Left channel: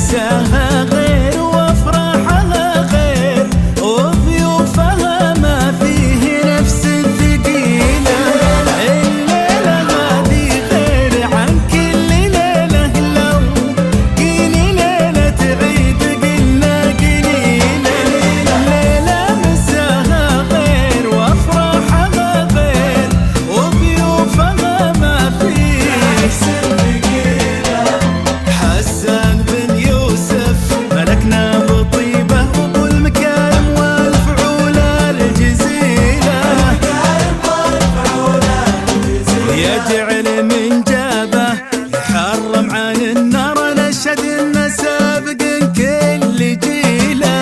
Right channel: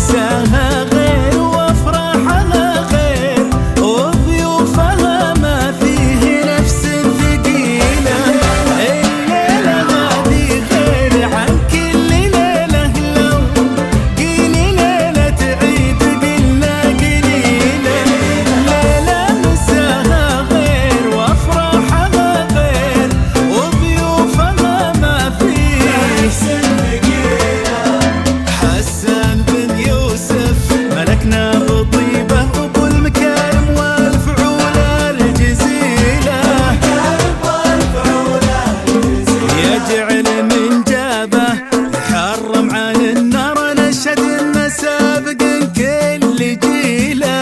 مساها غير وافراحها غير وضيوفها ما فيه نفس الثقيلة. الليلة هذه غير عن كل ليلة، لو قيلي ليلة عيد قلنا قليلة. ليلة مساها غير وافراحها غير وضيوفها ما فيه. حسان بن يوسف ملكنا بطيبه وابو المكارم والفعول الجزيله، يجعل من جابه يحرم عن النار نشهد انه سابق كل جيله.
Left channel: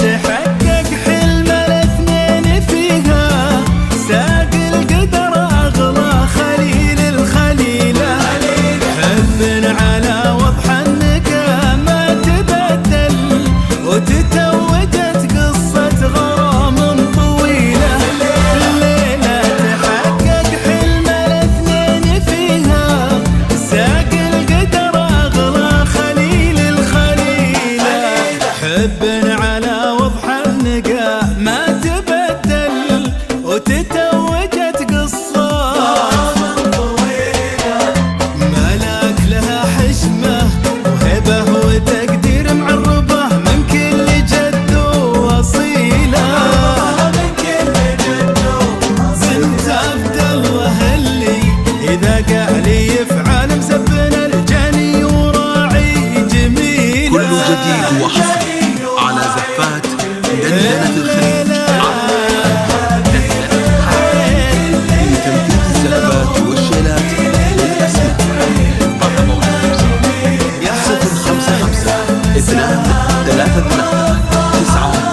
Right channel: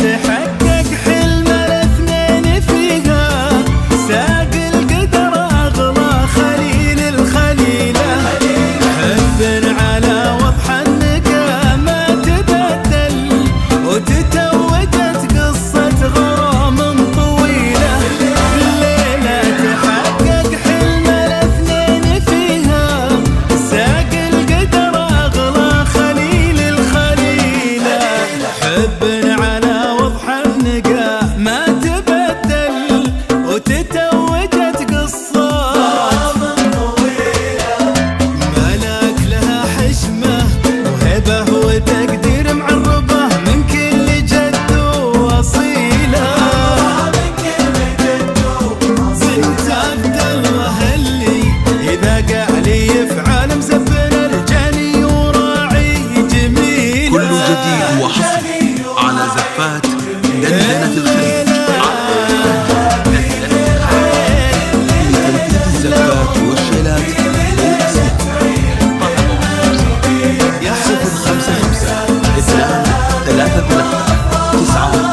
تحقق حلم الاثنين فيها، ساق القدر اغلى خليل الخليله. حب على وضح النقا ما تبدل وتتوجت قصه غرام طويله. الليله تحقق حلم الاثنين فيها، ساق القدر اغلى خليل الخليله. حب على ما تبدل وتتوجت قصات ملاك لها حشمه وهبه وتقدير معربه من كل جد واصيله. بنت عبد الله اللي اذا قال يفعل مزبن الجاني وراعي جميله. كل جديد وحصري على زفات دندنة الخليج. لتنفيذ الزفات والشيلات للأسماء 055 233 9